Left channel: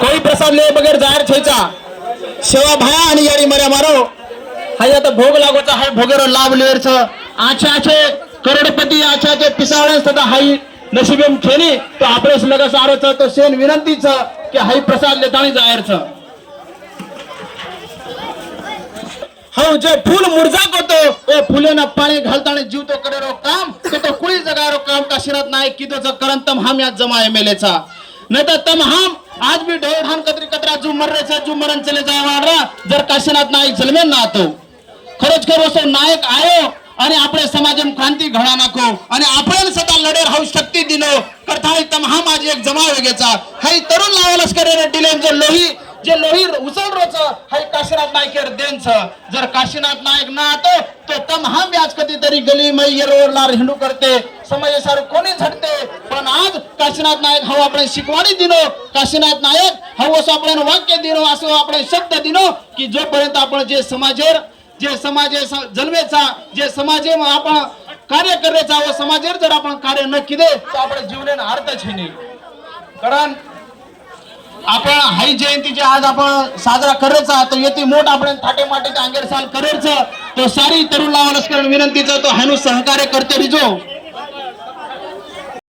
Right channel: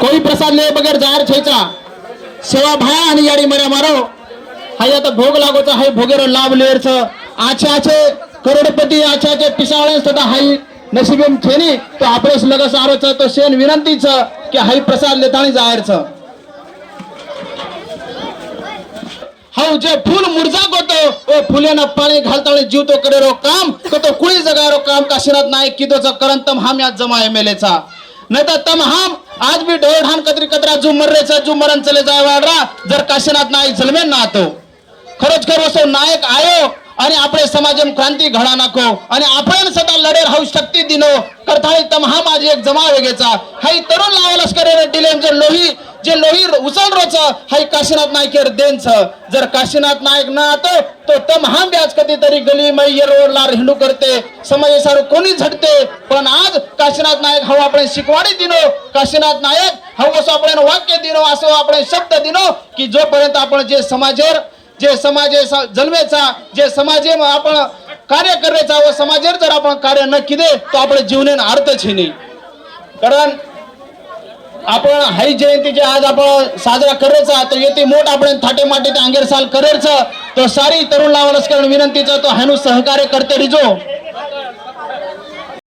कोई प्रसाद ले बगैर जाहीर छेचा। सेवा भा आणि याडी मर्या मारो। हाय आता भोग लागोचा हाय भोगेरो लाभ लेर छ आछे आछे करोडपती आछे आछे पिसाळ्यास तथा हाई नशिबेम खेनी तो आपलेस लग सारो छ तो शेन विनंती छ की हाई प्रसाद लेताणी जाहीर छ हो जे फूल मुरझा होतो ओ फुलेनं पाणी घालताना जीव तो करे रो काम तो तो कुळी जगारो काम काशीनाथ नाही की तोचा करन तम हम यात जमा एमएलएचा नाही तर तम हम आज भी ढोळ ढान कतरी कतरा जू मर्रेचा जू मरण चले जाए वाडरा. जर काशीनाथ नायक जलमेन ना तो. खरच खर वो नायक आयो आणि आपले समाज क्रांती घडा नको आणि आपण सदा लढेर हाऊ शक्ती दिनो करथाळी तम हा माझी एक जमा वेगेचा हाई तरुण लावालच करे जे लोही जे लोही उचल रोच हाई काशीनाथ नायकेर देन छ जर काशीनाथ नायक ना आतो तो तम हा ब्याज कधीतरी गली मै ये रोडला हिंडू करते समय सार कोणी झटते पण आज काशीनाथ नायक हाऊ आपण शिकवणी दिनो काशीनाथ नायक हाऊ असं आपण वाक्य दिनो असं आपण शब्द दिनो की जोपर्यंत आपण जे समाजेर जे समाजे जन्मेचा जे समाजे आपण कार्य करायचा व समाजेर जर आपण कार्य न किदे तो आपण जीवनेन अर्थ नाही. कारण आपण हाई जयंती जे आज आपण साजरा करायचा तर येते मोठ आपण थाटे माटे ते अंगेर साल करायचं तो सारी तरुण लावा कारण विनंतीचं तो हानू सहकार्य करते रिजो.